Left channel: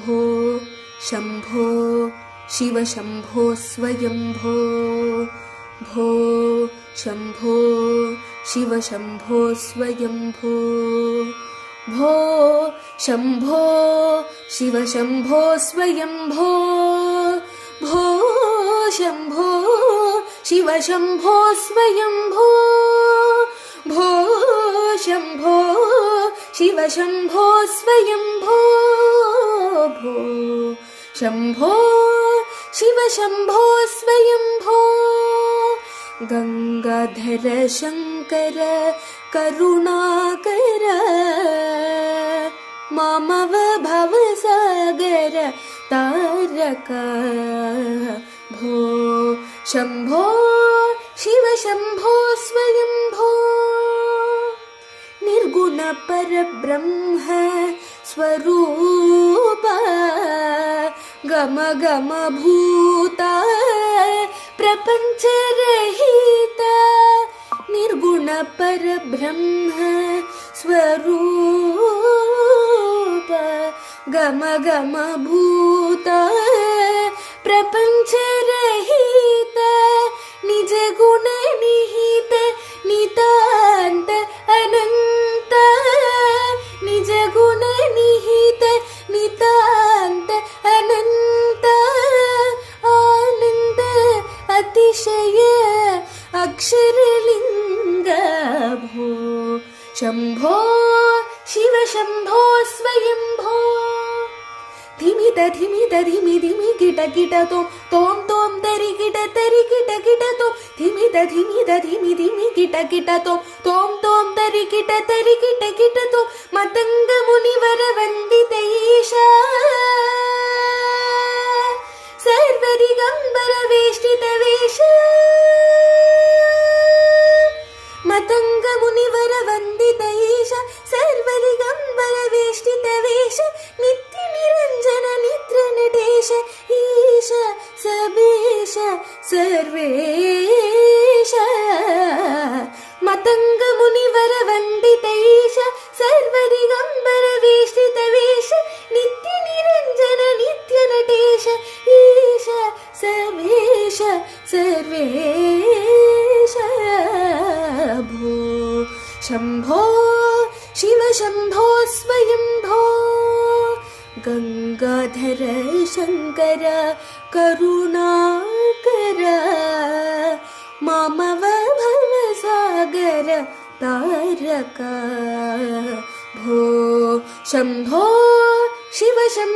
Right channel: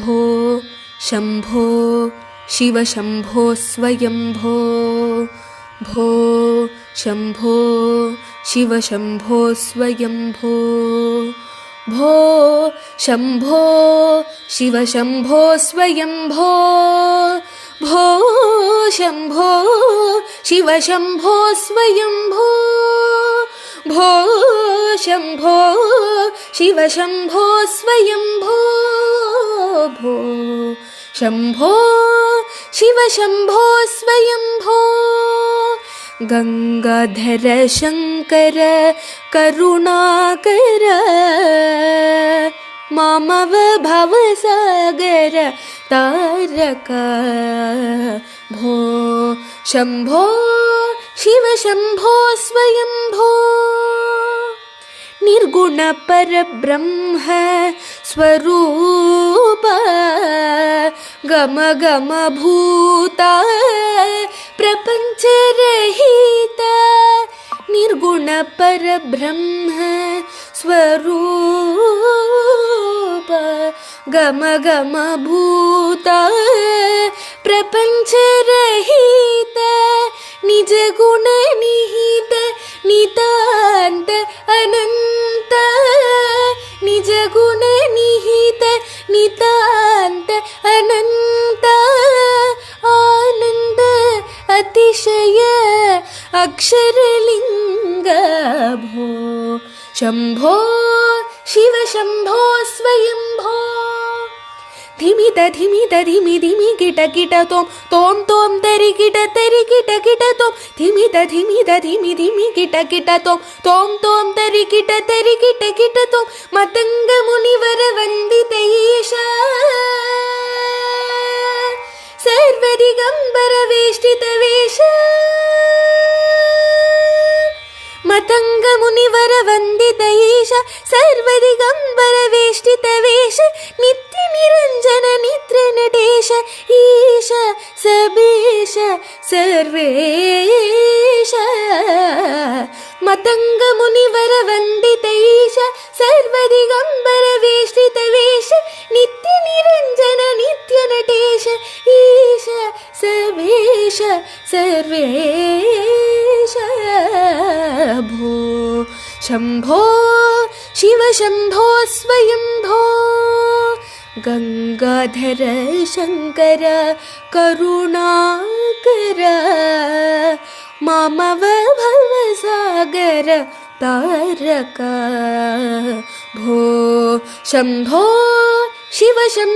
भो शम्भो शिवशम्भो स्वयम्भो भो शम्भो शिवशम्भो स्वयम्भो भो शम्भो शिवशम्भो स्वयम्भो भो शम्भो शिवशम्भो स्वयम्भो भो शम्भो शिवशम्भो स्वयम्भो भो शम्भो शिवशम्भो स्वयम्भो गंगाधर शंकर करुणाकर मामव भवसागर तारक भो शम्भो शिवशम्भो स्वयम्भो निर्गुण परब्रह्म स्वरूप गम गम भूता प्रपंच रहित निर्गुण परब्रह्म स्वरूप गम गम भूता प्रपंच रहित निज गुण निहित नितांत अनंत निज गुण निहित नितांत अनंत आनंद अतिशय अक्षरलिंग भो शम्भो शिवशम्भो स्वयम्भो धिमित धिमित धिमि धिमि किट किट तोम तोम तोम तरि किट तोम धिमित धिमित धिमि धिमि किट तोम तोम तोम तरि किट तोम मतंग मुनिवर वंदित ईशा सर्वदिगंबर वेष्टित वेश मतंग मुनिवर वंदित ईश सर्वदिगंबर वेष्टित वेश नित्य निरंजन निद्र नटेश ईश सबीश सर्वेश मतंग मुनिवर वंदित ईश सर्वदिगंबर वेष्टित वेश नित्य निरंजन नित्य नटेश ईश सबीश सर्वेश भो शम्भो शिवशम्भो स्वयम्भो गंगाधर शंकर करुणाकर मामव भवसागर तारक भो शम्भो शिवशम्भो